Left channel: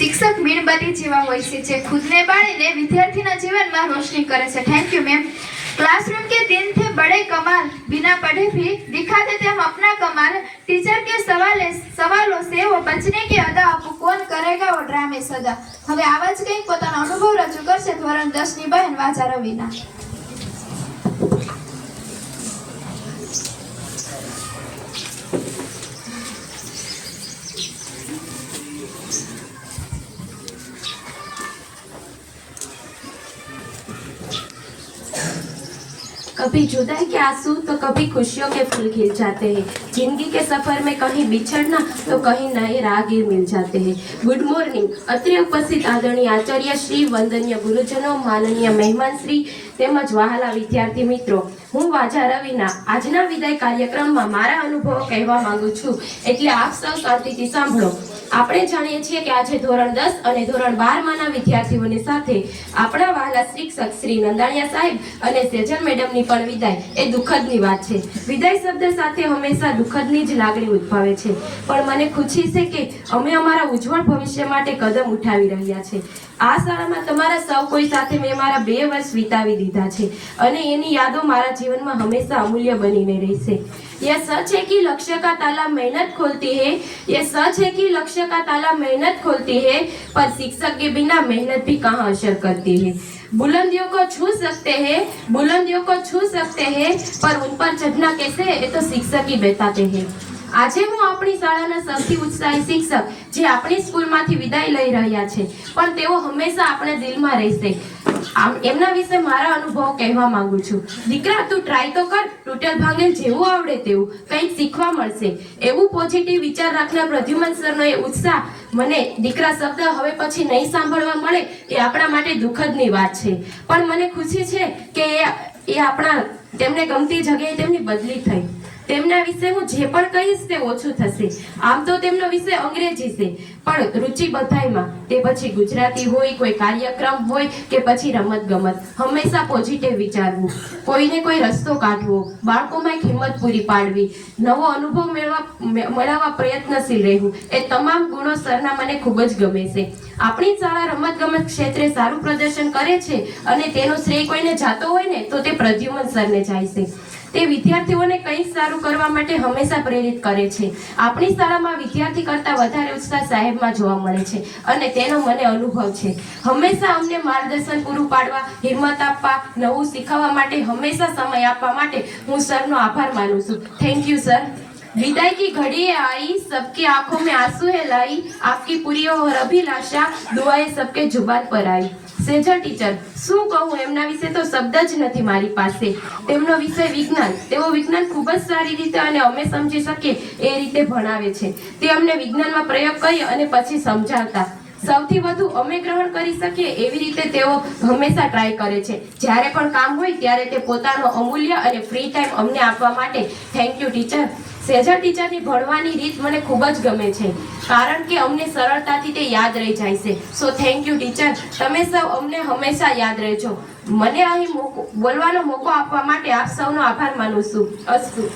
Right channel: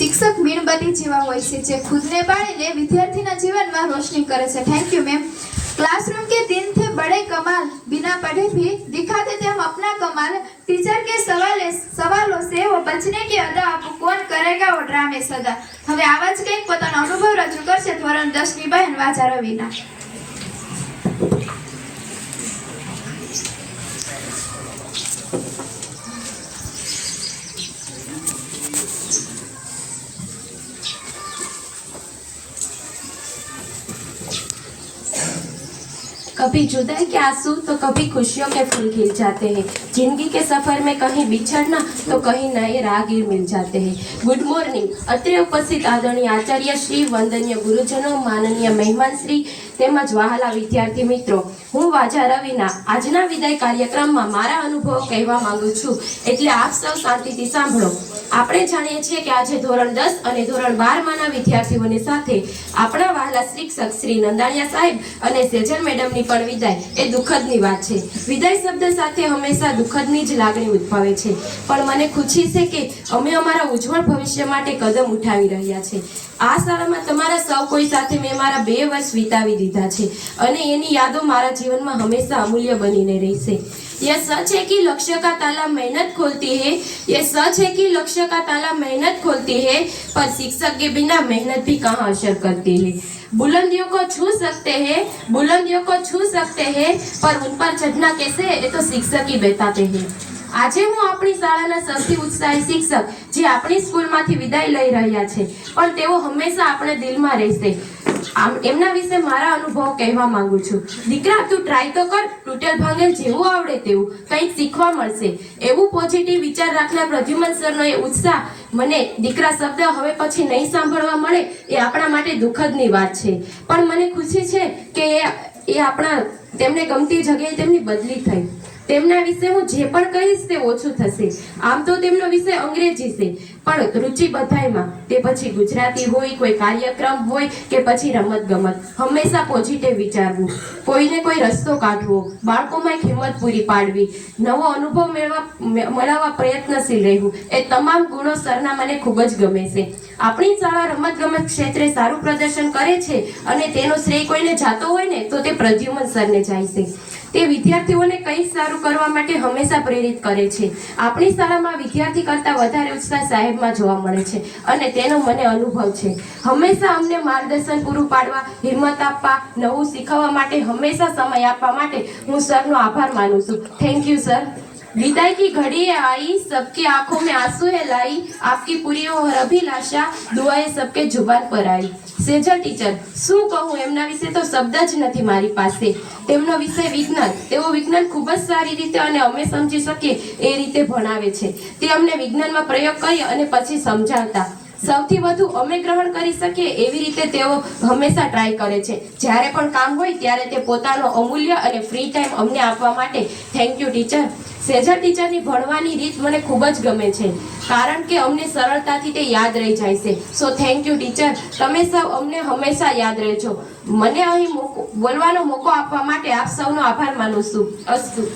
શિક્ષક મીણબત્તી જેવા હોય છે, જે ખુદને બાળીને વિદ્યાર્થીના જીવનમાં રોશની કરે છે. થેન્ક યુ મેમ ક્લાસરૂમ કે दिन थे बड़े कमाल बिना पढ़े भी दिखाते थे हम अपना कमाल टीचर के सवाल સવાલો સે વો બચને કે અદા આપકો કોન કરેગા વો ડ્રામે સદા. હવે આવા જ કંઈક પોતાનો અનુભવ રજૂ કરશે ધોરણ દસની બહેન વાજા રવિના. कभी जुदाई के आँसू तो कभी खुशियों के फूल खिल जाते हैं। ज़िंदगी के सफ़र में कहीं बिछड़ना तो कहीं नए राहगीर मिल जाते हैं। गुड मॉर्निंग अत्र उपस्थित आदरणीय आचार्य श्री वंदनीय गुरुजनों, माननीय मेहमान श्री તેમજ વહાલા વિદ્યાર્થી મિત્રો, હું વાજા રવિના આજના વિદાય કાર્યક્રમમાં મારા અનુભવો કહેવા માંગુ છું. એટલે આપ સૌ શાંતિથી સાંભળો. આપણે જાણીએ છીએ કે આજે ધોરણ દસ અને ધોરણ બારમાંના વિદ્યાર્થીઓની સાથે આપણા વહાલા શિક્ષક શ્રી નંદાણિયા સાહેબ અને સેજલ મેડમની પણ વિદાય. એ દુઃખદની વાત છે. વિદાય શબ્દ સાથે હંમેશા દુઃખદની જ લાગણી ઉદ્ભવે છે. પણ મને ખુશી છે કે અમે અમારા ઉજ્જવળ ભવિષ્ય માટે કદમ ઉઠાવી રહ્યા છે. આ શાળામાં તમારા સૌ કોઈ સાથે મેં મારા બે વર્ષ વિતાવી દીધા. છે અને એની યાદો મારા જીવનમાં હંમેશા અમૂલ્ય બનીને રહેશે ये सच है कि लक्ष्य का ताला मेहनत खोलती है ये सच है कि लक्ष्य का ताला मेहनत खोलती है पर शिक्षक के बिना मेहनत भी कहाँ असर करती है बुलंदियों को छू सकते हैं बुलंदियों को छू सकते हैं पर उन पर चढ़ना कैसे है ये तो शिक्षक ही बताते हैं આજે હું આપણી શાળાના સૌથી ઉત્સાહી શિક્ષક જે આપણી સ્કૂલમાંથી વિદાય લઈ રહ્યા છે પણ તેઓ હંમેશા આપણા દિલમાં રહેશે આમ એમના વિશે મારા અનુભવ કહેવા માંગુ છું. દીકરા, તું ટ્રાય તો કર તૂટેલ ભાંગે જેવું આવડે તેવું કંઈક શીખવા મળશે. એવું પોઝિટિવ વિચાર રાખનાર પ્રદ્યુમન સરનો એ ઉત્સાહ મને દીકરા શબ્દ હવે પછી નહીં સાંભળવા મળે એ આપણા માટે દુઃખદની વાત છે. પણ મને ખુશી છે કે એ આપણા, તેમને ગમતી જગ્યાએ તેમની બદલી થઈ. તેમના વિશે હું જે પણ કહીશ તે ઓછું થશે. આમ તો તેમનો વિષય અંગ્રેજી છે. પણ રુચિ બધાયમાં. તે પછી ગુજરાતી હોય, કોઈ કાર્યક્રમ હોય કે પછી રમત ગમત હંમેશા પોઝિટિવ વિચારવું. કોઈને કોઈ રસ્તો કાઢવો. બાળકોમાં એક હિંમત પૂરી પાડવી. નવો અનુભવ મેળવવા મેળવવા પ્રયત્નશીલ રહેવું. એ તમામ ગુણો સરના મને ખૂબ જ ગમે છે. આપણી શાળા રમત ગમત ક્ષેત્રે સારું પ્રદર્શન કરે છે અને તેનો શ્રેય કોઈને જાતો હોય ને, તો તે પ્રદ્યુમન સરને જાય છે. તે વિદ્યાર્થીઓને કંઈ સારું કરવા માટે હંમેશા પ્રેરિત કરે છે. આપણી શાળામાં વિદ્યાર્થી કરતાં વધારે ઉત્સાહ સાહેબમાં જોવા મળે છે અને તેનો મને અનુભવ છે. હંમેશા અમને માર્ગદર્શન પૂરું પાડવા, હિંમત આપવા, નવું શીખવવા માટે હંમેશા સમય આપવા માટે હું સરનો આભાર માનું છું. થેન્ક યુ સર विदाई की घड़ी है आई सबकी आंखों में आंसू है लाई आपकी पूरी और अभिलाषा दुआएं सबके जुबान पर आई સેજલ ટીચર શું કહું એમના વિશે તો શબ્દ જ નથી મારી પાસે તેમનો વિષય વિજ્ઞાન તેઓ વિજ્ઞાન ખૂબ જ સારી રીતે અને અમે સમજી શકીએ એ રીતે ભણાવે છે તે અમને વિજ્ઞાનમાં પ્રયોગ કરી અને પછી સમજાવતા સૌથી વધુ અમે ગ્રહણ કરી શકીએ એવી રીતે તેઓ હંમેશા ટ્રાય કરે છે. જ્યારે પણ કામ હોય ત્યારે તે પોતાનો અમૂલ્ય અને ફ્રી ટાઈમ અમને આપવા માટે થેન્ક યુ ટીચર સેજર ટીચરની ભણવાની રીત મને ખૂબ જ ગમે છે, કારણ કે અમને સરળતાથી તે યાદ રહી જાય છે. સો થેન્ક યુ ટીચર તમે સૌ અમને હંમેશા યાદ રહેજો. મને અહીં બોલવાનો મોકો આપવા માટે આપ સૌનો આભાર માનું છું. અસ્તુ.